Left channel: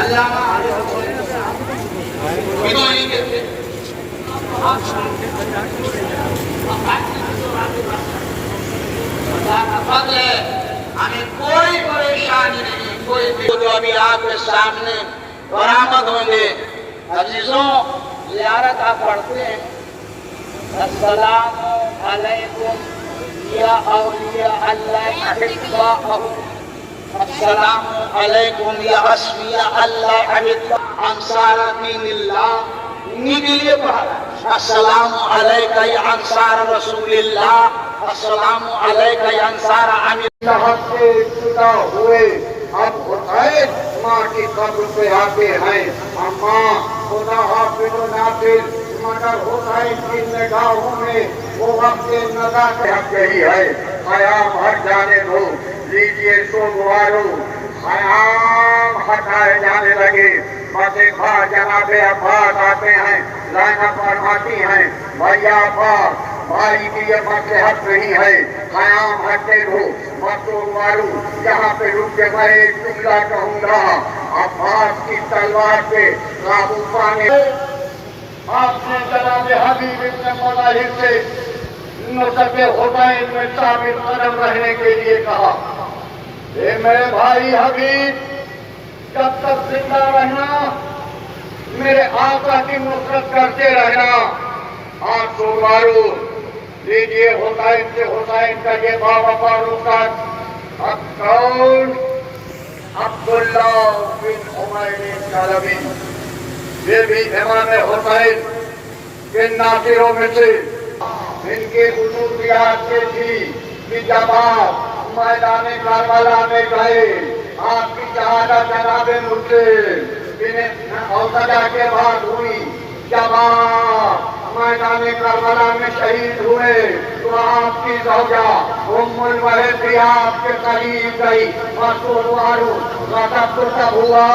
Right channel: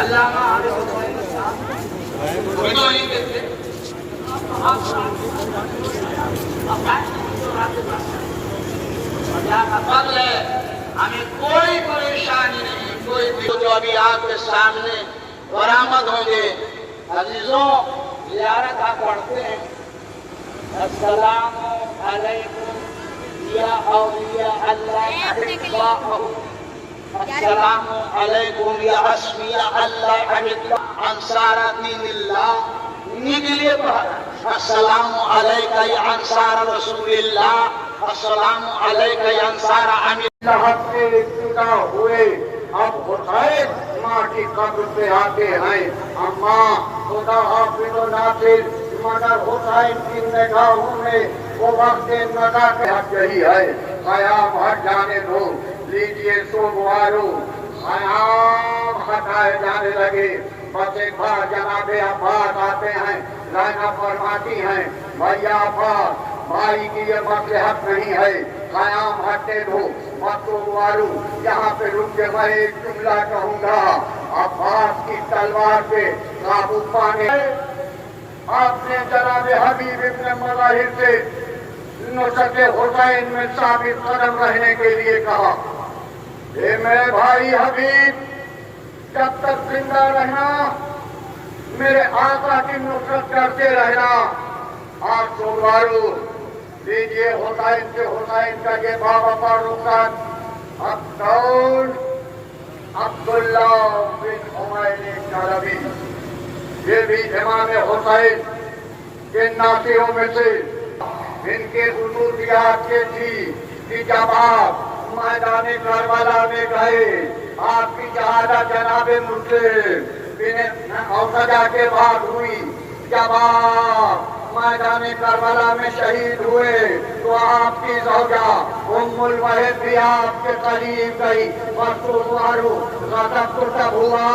علامہ فضل ہے، ہمیں کوئی پریشانی نہیں، کوئی جو ابھی آپ کے سامنے برآمد ہوں گے۔ عزیزوں، زیارت آپ پڑھتے ہیں، السلام علیکم یا اولیاء اللہ احباء، السلام علیکم یا اصفیاء اللہ احباء، انصار دین اللہ۔ انہی کے لیے پڑھا، السلام علیکہ یا انصار رسول اللہ، السلام علیکہ یا انصار امیر صاحب سے جدا ہوئے اب حسین ماں کی قبر پہ آتے ہیں۔ اماں خدا حافظ و ناصر، مگر حسین کی نگاہوں میں وہ وقت نگاہ کے حق یہی ہے، قیام ہٹ جانے دو، لیجئے سوگوارو، قیام ہٹائے جانے لگے۔ بس ایک بار جناب عباس آتے ہیں، لائنہ فرماتی ہیں، بھائی عباس بھائی کی یہ وقت حق نہیں ہے، قیام ہٹے دو، مطلوب یہاں پہ رک کے میں ایک جملہ کہوں گا، عباس کی تلوار پہ قابو پانے آپ نے جناب حبیب ابن مظاہر سے نسب حسین میں ثابت قدم رہنے کے لیے کہا، اے میرے بھائی حبیب، جب تک زندہ رہنا میرے آقا کی نصرت کرتے رہنا۔ آج سوگوارو لیجیے حسین سے حسین کا یہ بابا رکعت، اب کون؟ عبداللہ بن عمیر کلبی، یہ بھی امام حسین کے ناصروں میں سے۔ ان کے خصوصیات یہ تھی کہ جب آپ میدان کربلا میں گئے، آپ کی شہادت جناب مسلم بن اوسجا کے بعد ہوئی، جب آپ میدان کربلا میں شہید ہوئے تو آپ کی زوجہ ام الولد بھی آپ کے قریب گئی۔ سوگوارو غضب تو تب ہوا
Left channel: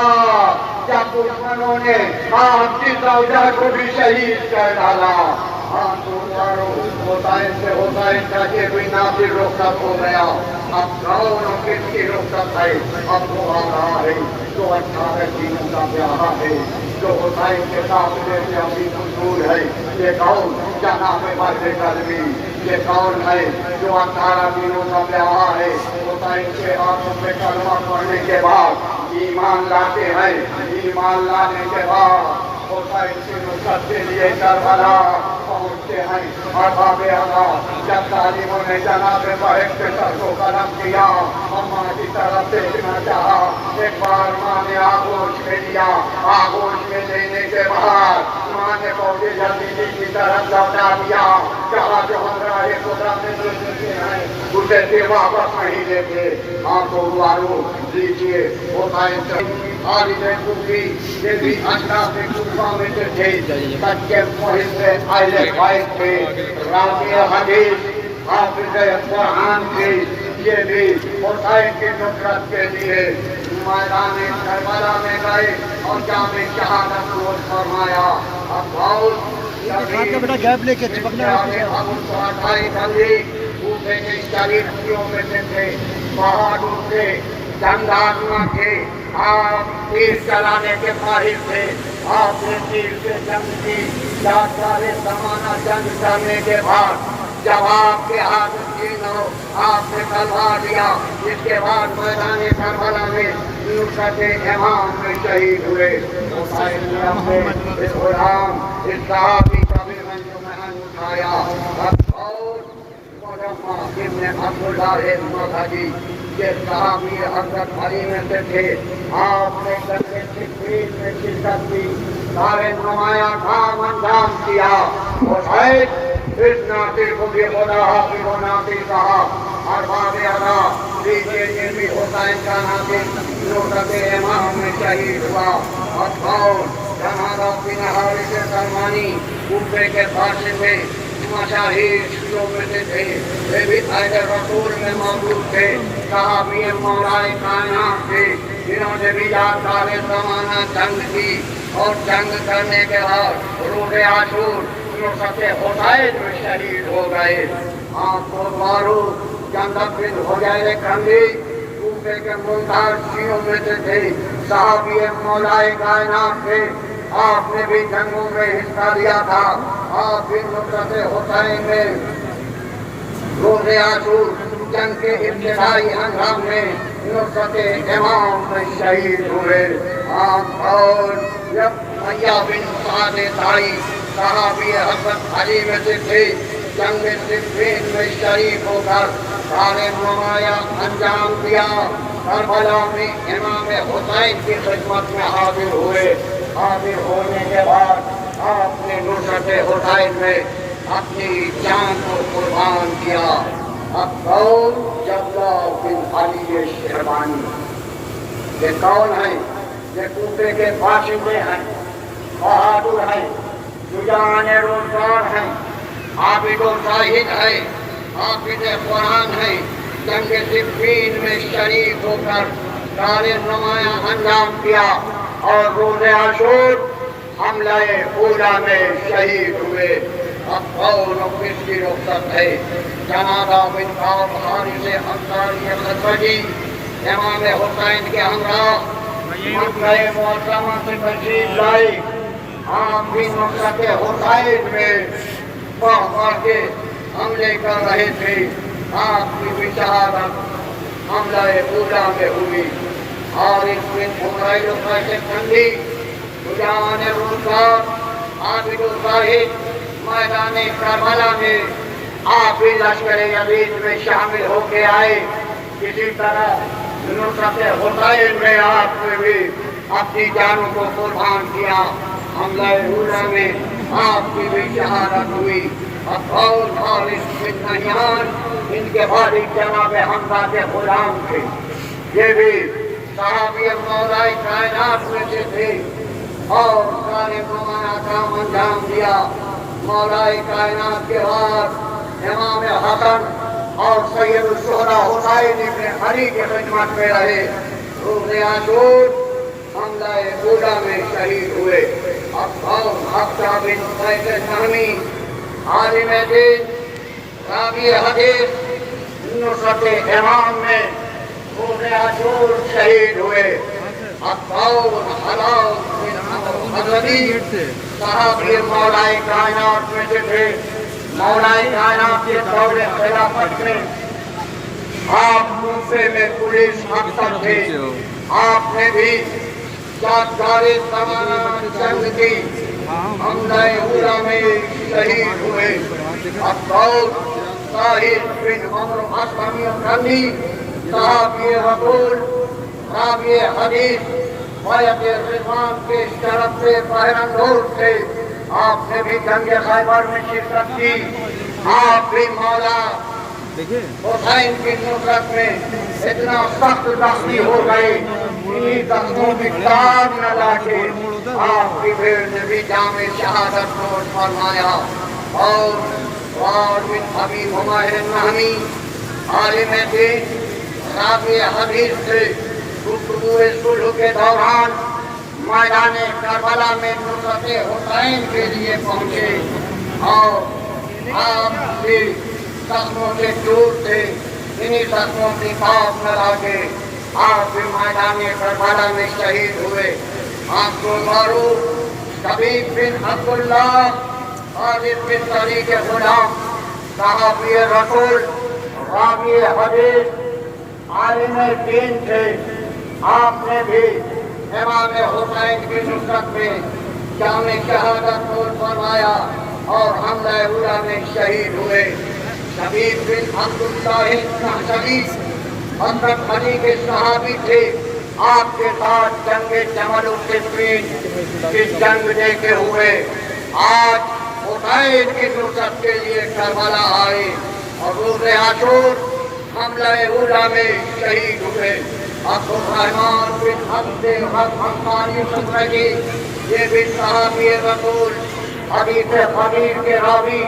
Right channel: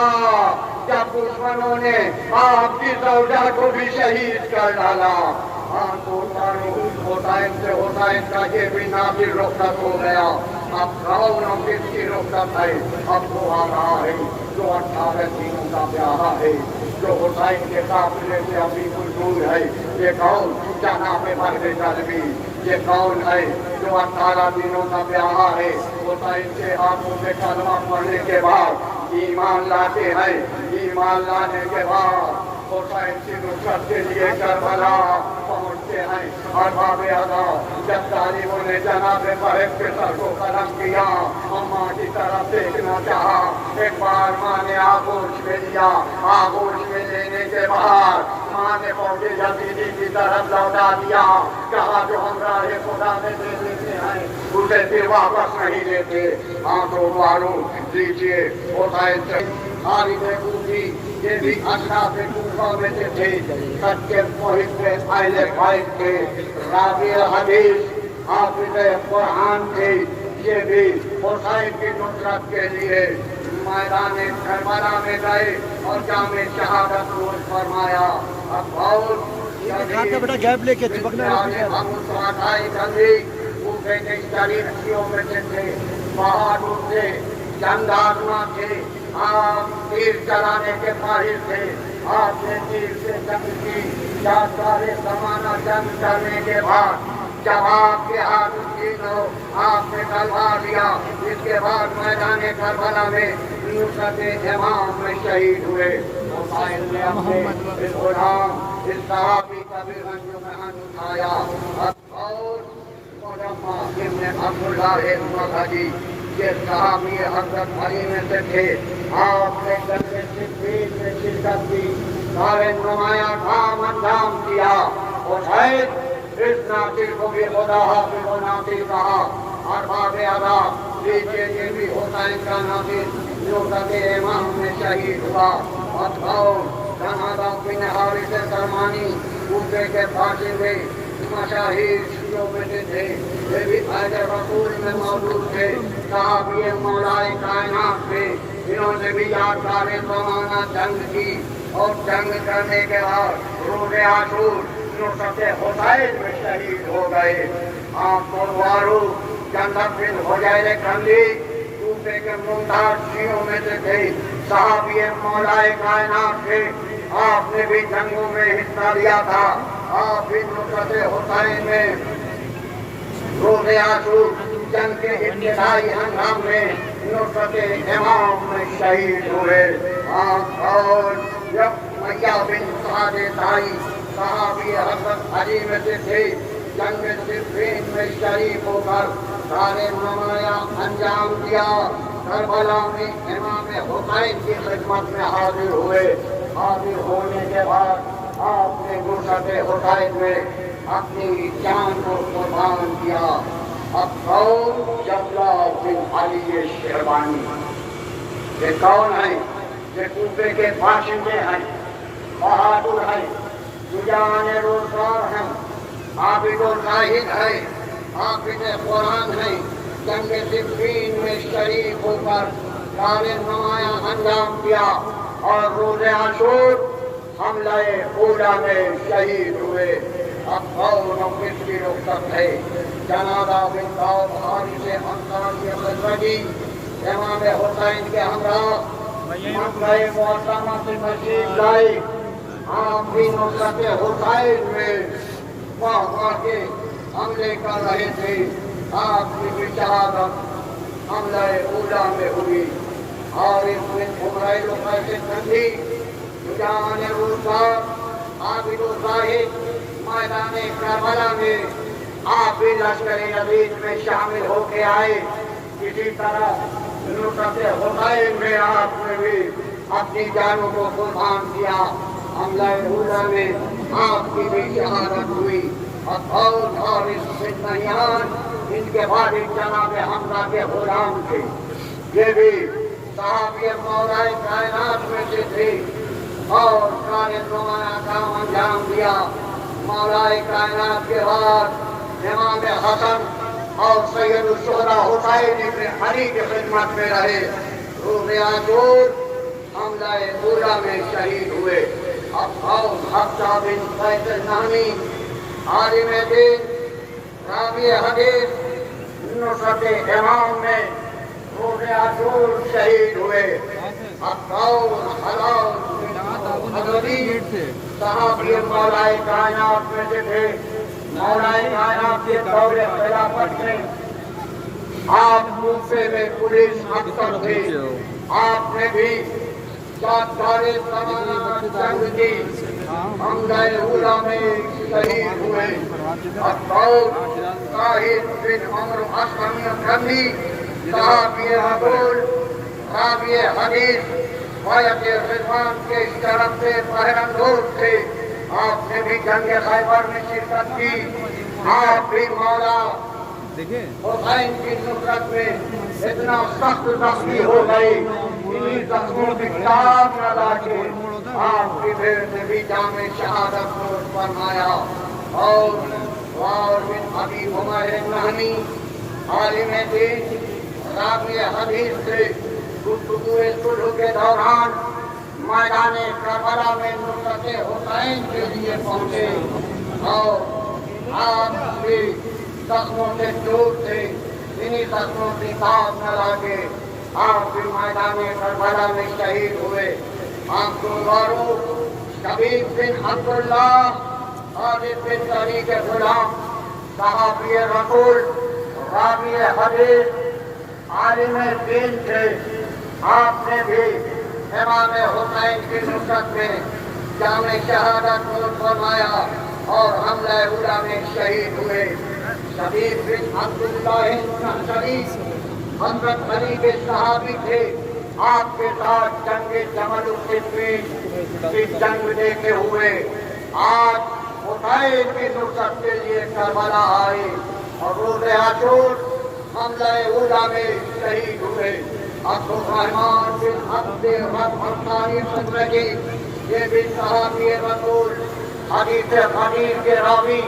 جب دشمنوں نے آپ کی زوجہ کو بھی شہید کر ڈالا۔ سوگوارو حسین سے حسین کا یہ بھی نافذ رخصت ہو گیا۔ اب کون کس کی رخصت ہے؟ اب وہ آ رہا ہے جو 18 دنوں کا پیارا ہے، جو حسین کے قافلے سے ابھی مشغول ہے۔ یہ کون؟ جناب مرد قلبی، یہ کون ہے جو 18 دنوں کا پیارا ہے؟ حسین کے ہاتھوں سے کلمہ پڑھنے کے بعد ایمان لاتے ہیں، ایمان لانے کے بعد حسین کی نصرت کے لیے کربلا پہنچتے ہیں۔ اور باب اعلیٰ جب ظالموں نے جناب صاحب کے سر کو قلم کیا، اماں کی طرف دیکھنا چاہا، ایک بار ماں نے آغوش میں لیا، آغوش میں لینے کے بعد ماں نے پودے جلدی کی طرف لوٹا دیا، کہا جو ہم راہ خدا میں دے دیتے ہیں اسے پھر واپس نہیں لیتے۔ سوگوارو لیجیے حسین سے خالد کوفی، یہ بھی اشراف کوفہ میں سے تھے، سچے محب اہل بیت تھے، راوی حدیث حافظ قرآن تھے۔ یہ بھی حسین کی نصرت کے لیے میدان کربلا میں گئے اور جامع شہادت نوش فرمایا۔ اب بیٹا گیپ لے کے کوفے کے شریفیوں میں سے تھے، بہادر تھے، جنگارواں تھے، آپ تیر چلانے کے ماہر تھے۔ آپ نے تیر سے جنگ کی، 4 زمانہ جنگ کرنے کے بعد جب آپ کے ہاتھ چین ہو، آپ نے تلوار لیا، اس کے بعد میدان کربلا میں نصرت امام میں شہید ہوئے۔ حسین نے اپنے اس غلام، اس صحابی کا بھی انجمن اٹھایا۔ ابن عبداللہ المرغی، یہ صحابی حضرت علی میں سے تھے۔ آپ نے جنگ صفین میں شرکت کی، سارے نمایاں کام انجام دیا۔ حسین اس ناصر کو بھی خدا حافظ و ناصر کہا۔ اور باب اعلیٰ لیجیے یہ بھی حسین کا ناصر نصرت امام میں شہید ہوا۔ اب کون؟ جناب بن حارث سلمانی، کوفے کے فاصل میں مشاہیر شیعوں میں سے تھے، یہ بھی اہل رسول میں موجود تھے، صحابی مولا کائنات تھے۔ انہوں نے بھی یادگار زمانہ جنگ کی اور جنگ کرنے کے بعد روز عاشور نصرت حسین میں شہید ہو گئے۔ سوگوارو جنگ بن حجیر کندی کوفے کے ممتاز شیعوں میں سے تھے، صحابی مولائے کائنات تھے، آپ نے بھی جنگوں میں حصہ لیا تھا، آپ بھی نصرت حسین میں روز عاشور جنگ کے ابتدائی ہنگام میں نصرت امام میں شہید ہوئے۔ اور جب میاں بن سعد تائی صحابی حضرت علی میں سے تھے، جنگ صفین میں شریک ہو کر سارے نمایاں انجام دیا، کربلا میں امام حسین کی خدمت میں حاضر ہوئے۔ حاضر ہونے کے بعد آپ نے نصرت حسین میں اپنی جان کو قربان کیا۔ اب کون؟ جبلہ بن علی شیربانی۔ یہ کون ہیں؟ یہ کوفے کے باشندے ہیں، بہادر ہیں، شجاعان روزگار ہیں، عابد و زاہد ہیں، حافظ قرآن ہیں، جنگ صفین میں شریک ہو کر سارے نمایاں انجام دیا اور روز عاشور حملہ اولا میں شہید ہوئے۔ اب کون و کس کی رخصت ہے؟ جنازہ بن کعب حارث انصاری خزرجی امام حسین کے ہمراہ مکہ معظمہ سے تشریف لائے۔ آپ بھی نصرت حسین میں باہ کے حملے کر رہے تھے۔ آپ کی بھی شہادت حملہ اولا میں ہوئی۔ اور اس میں عمرہ لقیس کندھی شجاعان روزگار عابد و زاہد میدان کربلا میں آپ بھی لشکر یزید میں شامل ہو کے آئے۔ اسی طرح نصرت حسین میں آپ نے بھی اپنی جانوں کو قربان کیا۔ حملہ اولا میں آپ کی بھی شہادت ہوئی۔ اب حارث بن نہیان ان کے والد جناب حمزہ کے غلام تھے، یہ بھی صحابی مولائے کائنات میں سے تھے اور سارے نمایاں کام انجام دیا۔ مولائے کائنات کے بعد امام حسن اور سید الشہداء حسین ابن علی کی خدمت میں رہے۔ روز عاشور حملہ اولا میں شہید ہوئے۔ اب حفصہ بن قیس النہمی عالم دین راوی حدیث نصرت امام میں روز عاشور شہید ہوئے۔ اب حلاوت بن حضرتی صحابی مولائے کائنات میں سے تھے۔ مولائے کائنات کے دور خلافت میں آپ کوفے میں پولیس افسر تھے۔ آپ نے بھی یادگار زمانہ جنگ کی حملہ اولا میں شہید ہوئے۔ اب طاہر بن عمرو اسلمی کندھی صحابی رسول راوی حدیث بیعت رضوان کے شرف سے پہرندور تھے۔ آپ نے بھی جنگ خیبر میں شرکت کی۔ آپ بھی مولا حسین کی نصرت میں اتنا سخت زخمی ہو گئے، انہی زخموں کی تاب نہ لاکے آپ کی بھیڑ نے بھی جام شہادت نوش فرمایا۔ اور بن ابی عمیر النہمی عالم دین راوی حدیث سے گفتگو صلح کے دوران میدان کربلا میں نصرت حسین کے لیے پہنچے اور آپ کی زخموں سے چور تھے، انہی زخموں کی تاب نہ لاکے آپ بھی میدان کربلا میں شہید ہوئے۔ آپ کو معروف حبیب بن عبداللہ خالد بن علی کے غلام صحابی رسول راوی حدیث عالم دین تھے۔ آپ نے بھی امام حسین کی نصرت میں جام شہادت نوش فرمایا اور حملہ اولا میں شہید ہوئے۔ شبیب بن عبداللہ النحشری حضرت علی کے صحابی تھے۔ آپ کے ساتھ جنگ جمل الصفین کی جنگ دیکھے ہوئے آج حسین کی نصرت کے لیے کربلا آئے اور روز عاشور حملہ اولا میں شہید ہوئے۔ عبد الرحمن بن عبد الرحمن خزرجی یہ بھی صحابی رسول حدیث خدیر کے راوی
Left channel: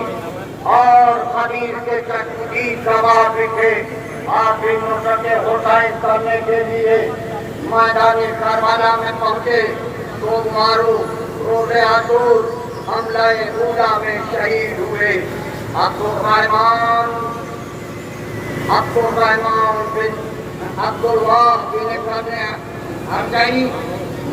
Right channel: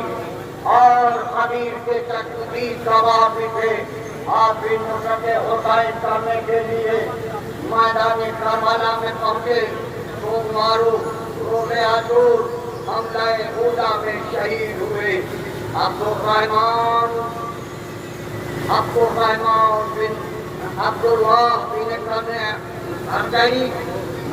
اور خدیر کے تجدید گواہ بھی تھے۔ آپ بھی نصرت حسین کرنے کے لیے میدان کربلا میں پہنچے تو معروف روز عاشور حملہ اولا میں شہید ہوئے۔ عبد الرحمن بن عبد الواہ بن ارجعی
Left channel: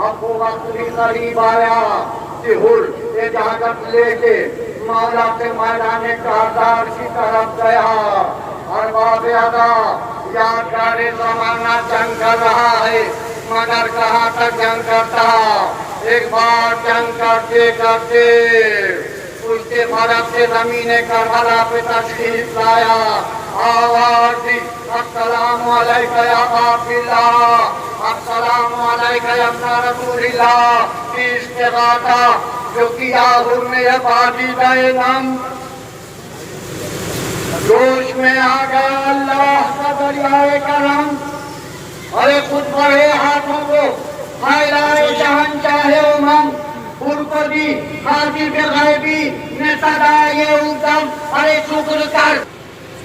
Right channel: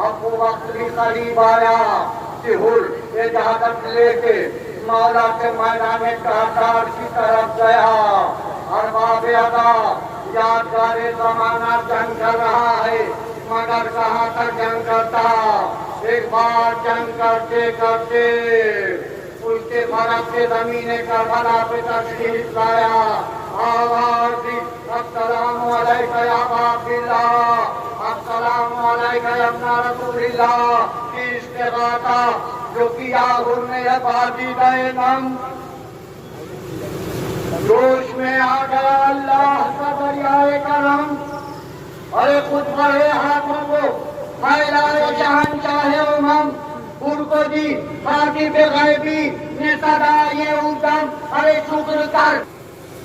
اب وہ وقت بھی قریب آیا کہ حر اجازت لے کے مولا کے میدان کردار کی طرف گیا اور باب ادا یادگار زمانہ جنگ کر رہا ہے مگر کہاں تک جنگ کرتا ایک بار جنگ کرتے کرتے اس کے مرد سے زمین کربلا پہ تشریف لایا آواز دی السلام علیکہ یا ابا اللہ السلام علیکہ یا ابن رسول اللہ کی استغاثہ جو کیا حر نے یہ بازی دے نم جوش میں آ گیا اللہ کا دریائے کرم ارے خود بڑھے ہاتھوں کو ہائلائے جہاں چاہے امم ان کو دی خاطب غیبی نے صدا یہ ادم ارے شکر کر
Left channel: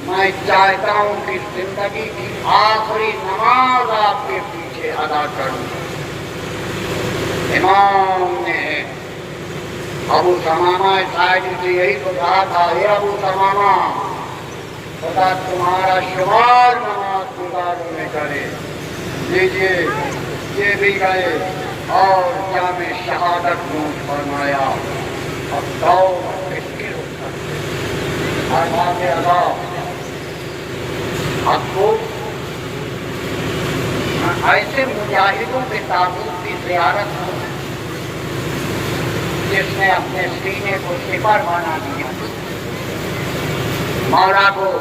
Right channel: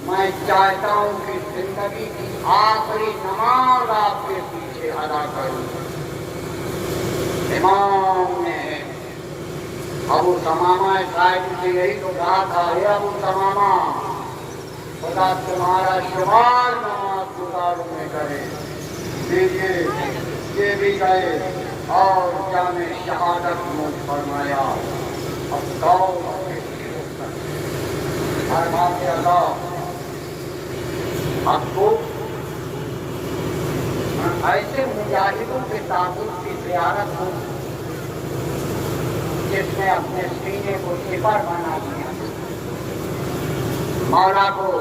میں چاہتا ہوں کہ زندگی کی آخری نماز آپ کے پیچھے ادا کروں امام نے ابو سمامہ شاید سے یہی تو کہا تھا اے ابو سمامہ خدا تمہارا شمار نماز گزاروں میں کرے لیجیے یہ بھی گئے اور جامع شہادت نوش فرمایا اب دور اور بات اللہ اب کو ایسے مجاہدوں کے تابوت کی زیارت ہو جس نے اپنے سینے کو سپر بنا دیا مولا کو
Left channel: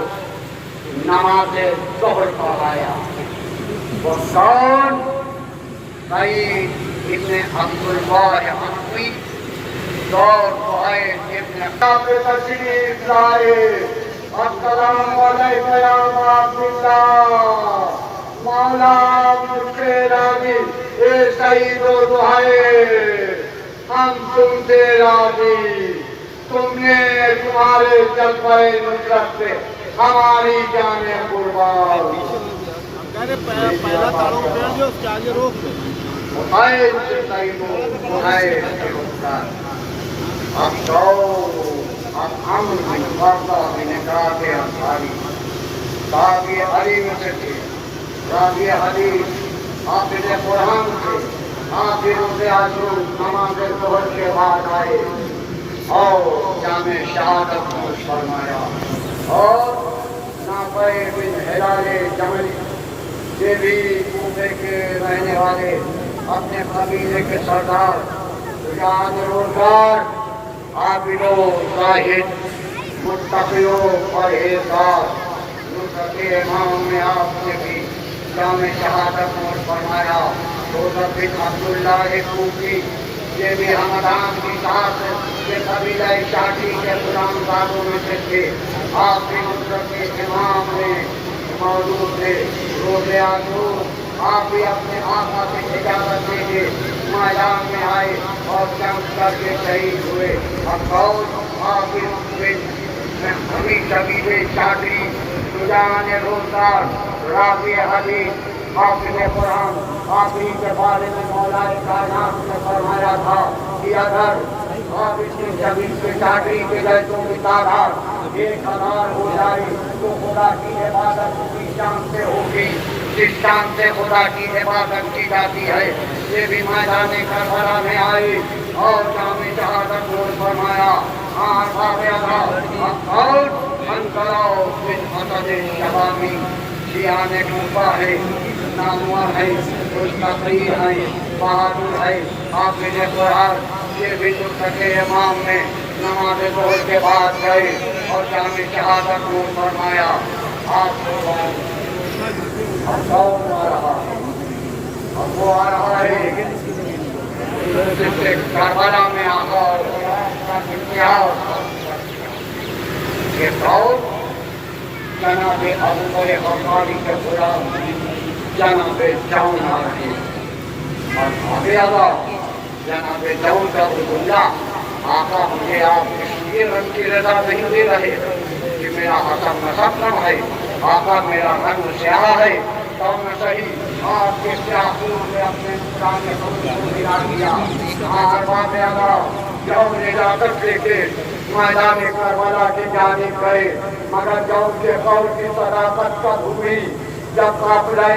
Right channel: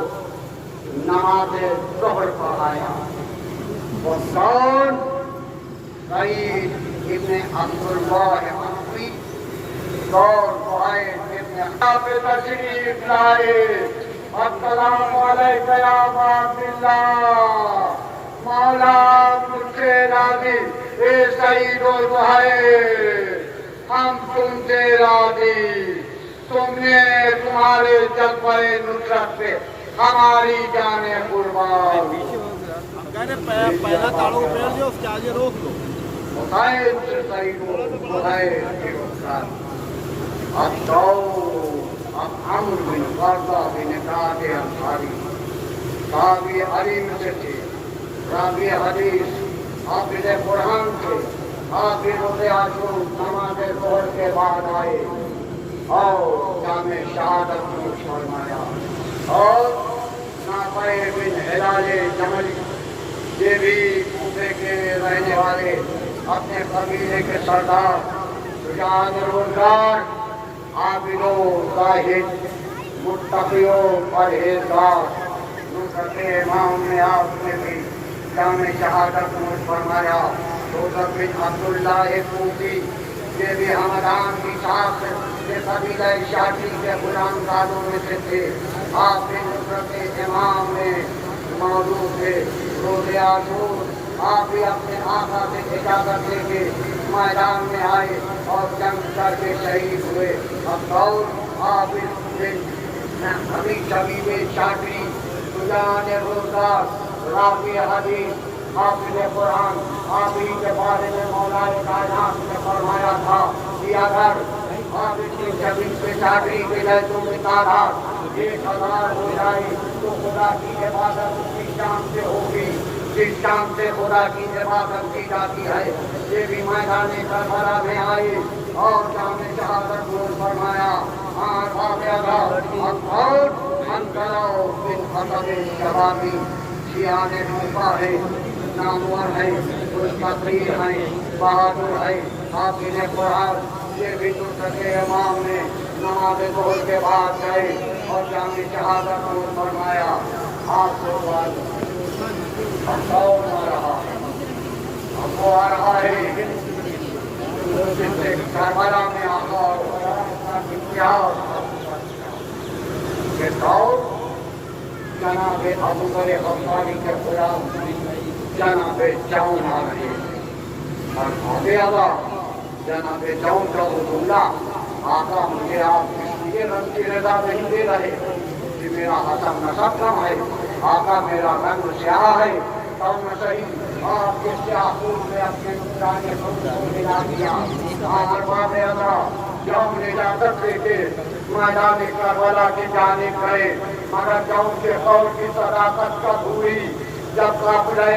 نماز ظہر پڑھایا وہ کون سعید ابن عبداللہ حنفی دور قائد ابن پہ تشریف لائے السلام علیکہ یا عبداللہ مولا مجھ سے راضی اے سعید و زہیر ہم تم سے راضی تم نے تمہارے جلوہ نصرت پہ ہماری جانیں قربان پہلا تاروں پہن جو اس کے آگے روک دو زہیر سے سعید و زہیر سے نصرت اب تو اب ہم وردہ بھی نکاح کے انصاری راوی علیم سے تھے راوی حدیث حافظ قرآن تھے حافظ روزے عاشور نماز ظہر کے بعد آئے اور جامع شہادت نوش فرمایا اور نافع بن ہلال جملی یہ بھی کوفے کے رہنے والے اپنے قبیلے کے سردار شجاع روزگار عابدو زاہد متقیو پرہیزگار نصرت امام نے آپ نے بھی جامع شہادت نوش فرمایا روزت بن عبداللہ کوفی یہ بھی ہمدان کی ساتھ یہ قبیلہ شاٹی کے غلام زادوں میں سے تھے آپ نے نصرت امام نے موجود تھے روزے عاشور آپ بھی اپنے آقا سے اجازت دے کے میدان میں آئے اور جنگ کر کے شہید ہوئے اب بہت آپ حمید شبیب شاٹی سجان روزگار رافع حدیث حافظ قرآن آپ ہی کے بارے میں مولا کائنات نے فرمایا تھا کہ اگر آپ شبیب کے شاٹی کے جیسوں کی تعداد 1000 ہو جائے تو خدا کی عبادت اسی شان سے ہوگی جس شان سے خدا کی عبادت کی جاتی ہے یہ بھی میدان کربلا میں آئی اور جامع شہادت نوش فرمایا اور انکراؤ بن حسد شوامی شیعان کوفہ ہے نامور ہے مستقری ہے بہادر ہے حافظ قرآن یہ بھی نصرت امام نے نماز ظہر کے بعد گئے اور جامع شہادت نوش فرمایا آپ کو اب وہ آ رہا ہے جس سے کربلا میں آقا یہ دور جناب ابو بکر غفاری کے غلام جناب جون آ رہے اور آگے آگا جناب جون کا عبداللہ آقا مجھے آپ اس لیے رنگ کی رضا نہیں دے رہے کہ میرا حسب نسب کم ہے آقا میرا رنگ سیاہ ہے تب میں صحیح آپ کے سیاحوں میں اپنے نقصان میں ملا دیا آخر بات آگا جون اجازت لے کے میدان کربلا کی جانب گئے مگر جون کے قول کی صداقت کا بھولی جب قافلہ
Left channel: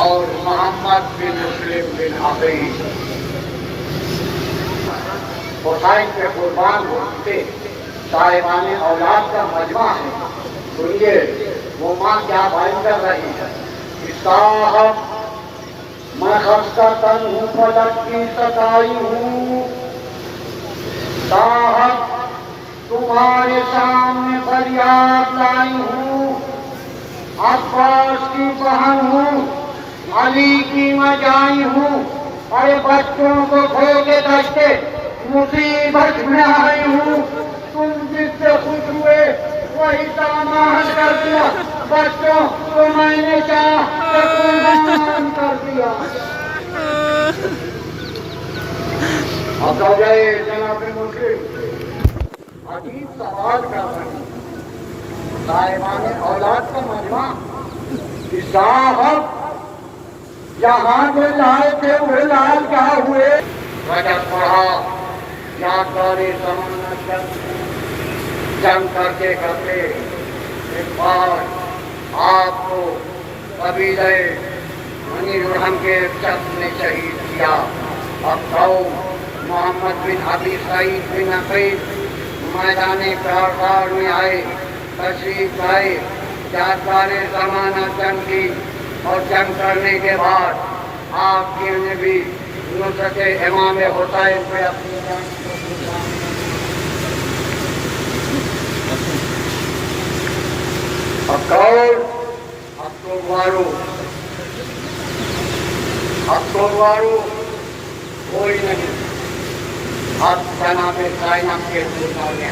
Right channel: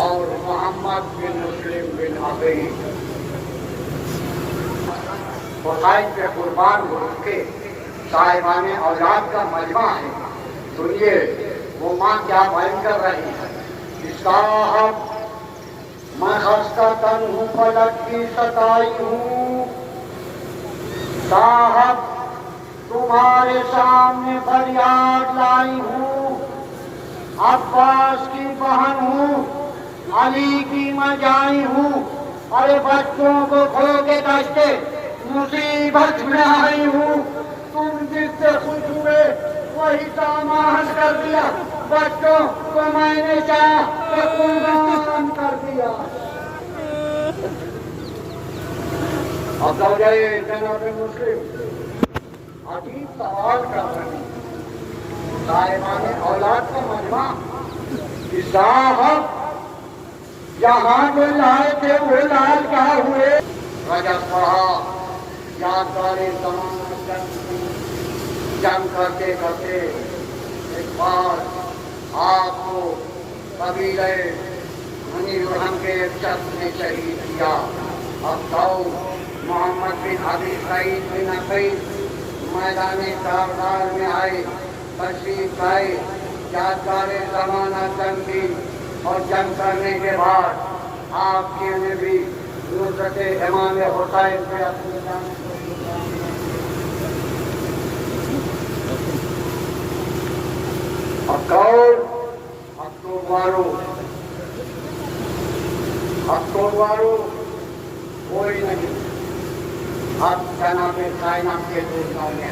اور محمد بن مسلم بن حفیظ حسین کے قربان ہو چکے صاحبان اولاد کا مجمع ہے۔ سنیے وہ ماں کیا بیان کر رہی ہے۔ صاحب میں خستہ تن ہوں، فلک کی ستائی ہوں، صاحب تمہارے سامنے فریاد لائی ہوں، عباس کی بہن ہوں، علی کی مجائی ہوں، ارے بچوں کو کھو کے دشتے مصیبت میں آئی ہوں، تم جس سے خوش ہوئے وہی سامان کر دیا، بچوں کو میں نے چاہا تو قربان کر دیا۔ اب تو جائے جناب مسلم عجیب سوال کر رہے ہیں، صاحبان اولاد کا مجمع صاحب یہاں جو لائے تھے وہ لال کیا ہوئے؟ رجب پڑھا یادگار زمانہ جنگ کرتے کرتے ایک بار آپ کو قبیلہ بنی جرہم کے شخص نے شہید کیا. اب قوم محمد بن ابی سعید بن عقیل میدان کارزار میں آئے، تشریف لائے، یادگار زمانہ جنگ کی، اور جنگ کرنے کے بعد آپ کی نے بھی نصرت امام حسین پہ اپنی جان کو قربان کر دیا. اب تو وارو کوئی نہیں. اب جناب زینب کے دوستوں نے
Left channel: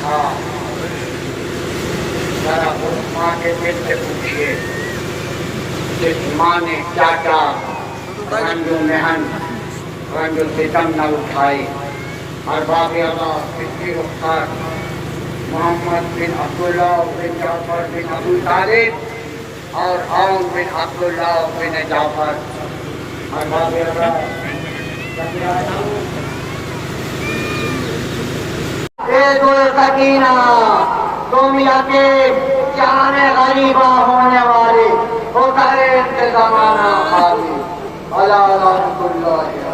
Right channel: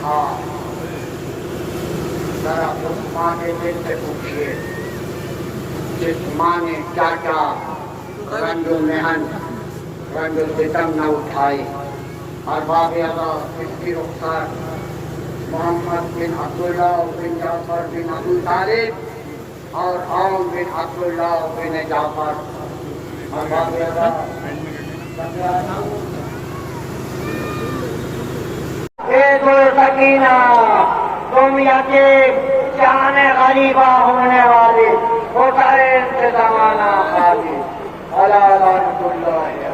ذرا اس ماں کے دل سے پوچھیے جس ماں نے کیا کیا رنگ و محن رنگ و ستم نہ اٹھائی. ارباب اللہ کی رخسار محمد بن عبداللہ بن جعفر بن ابو طالب اور عون بن عبداللہ بن جعفر. ارباب اللہ دو سکینہ دنیا کے جانے غریبہ ہونے والے ہوٹل سے زمانہ خالی اللہ رحمت اللہ علیہ.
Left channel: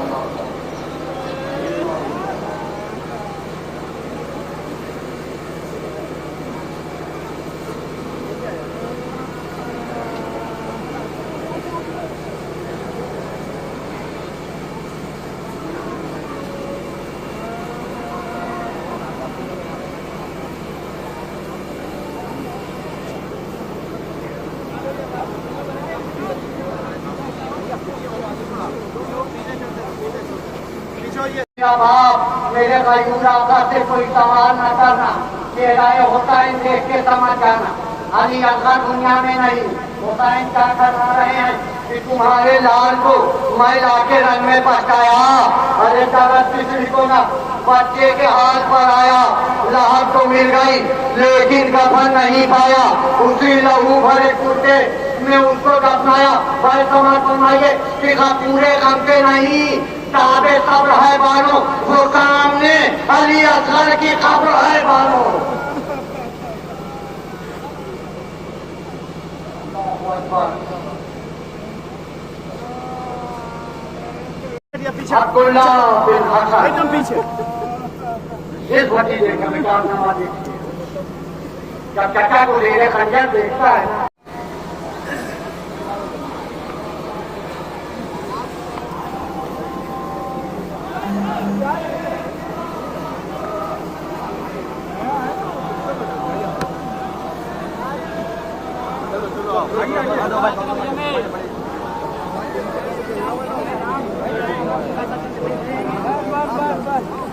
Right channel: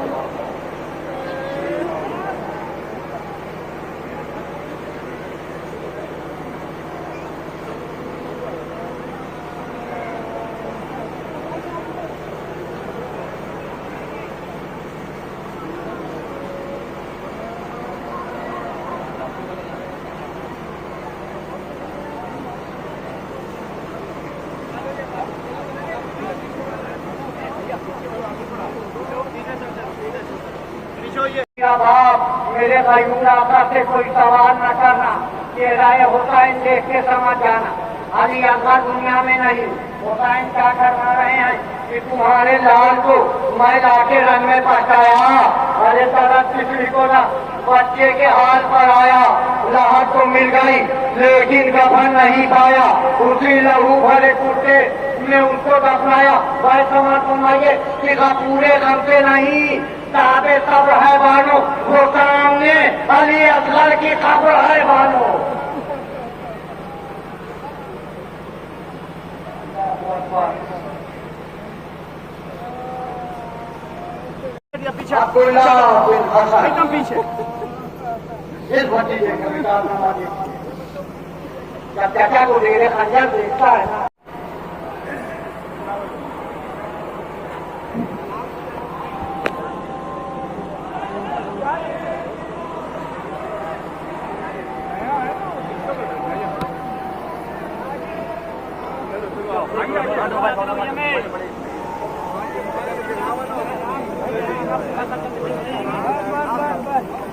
باپ میرے غیور آقا سے کوئی سوال نہ کرنا، یہ رائے حسین دیکھ کے سمجھ جانا. علی اصغر دنیا میں نہیں. حسین کیا کرنا رہے ہیں کہ تمہارے لال کو میں لا کے رنگ میں پہنچایا. ارے طرف کسی کو نہ بچے کے ہاتھ پر آیا، لاہٹ تو مل گئی لیکن کفن نہیں پایا. اسی لہو بھرے کرتے نے اس کو دفنایا. بھائی سمجھ فرمائیے کہ پورے غم کے نہیں تابے صبر ہے بانو، وہ سامنے علی اصغر کی قبر ہے بانو. عبداللہ بن حسن پیچھے اس بھتیجے کا کتاب نامہ دیکھیے. جب چچا کو زیر خنجر دیکھتا ہے نا بس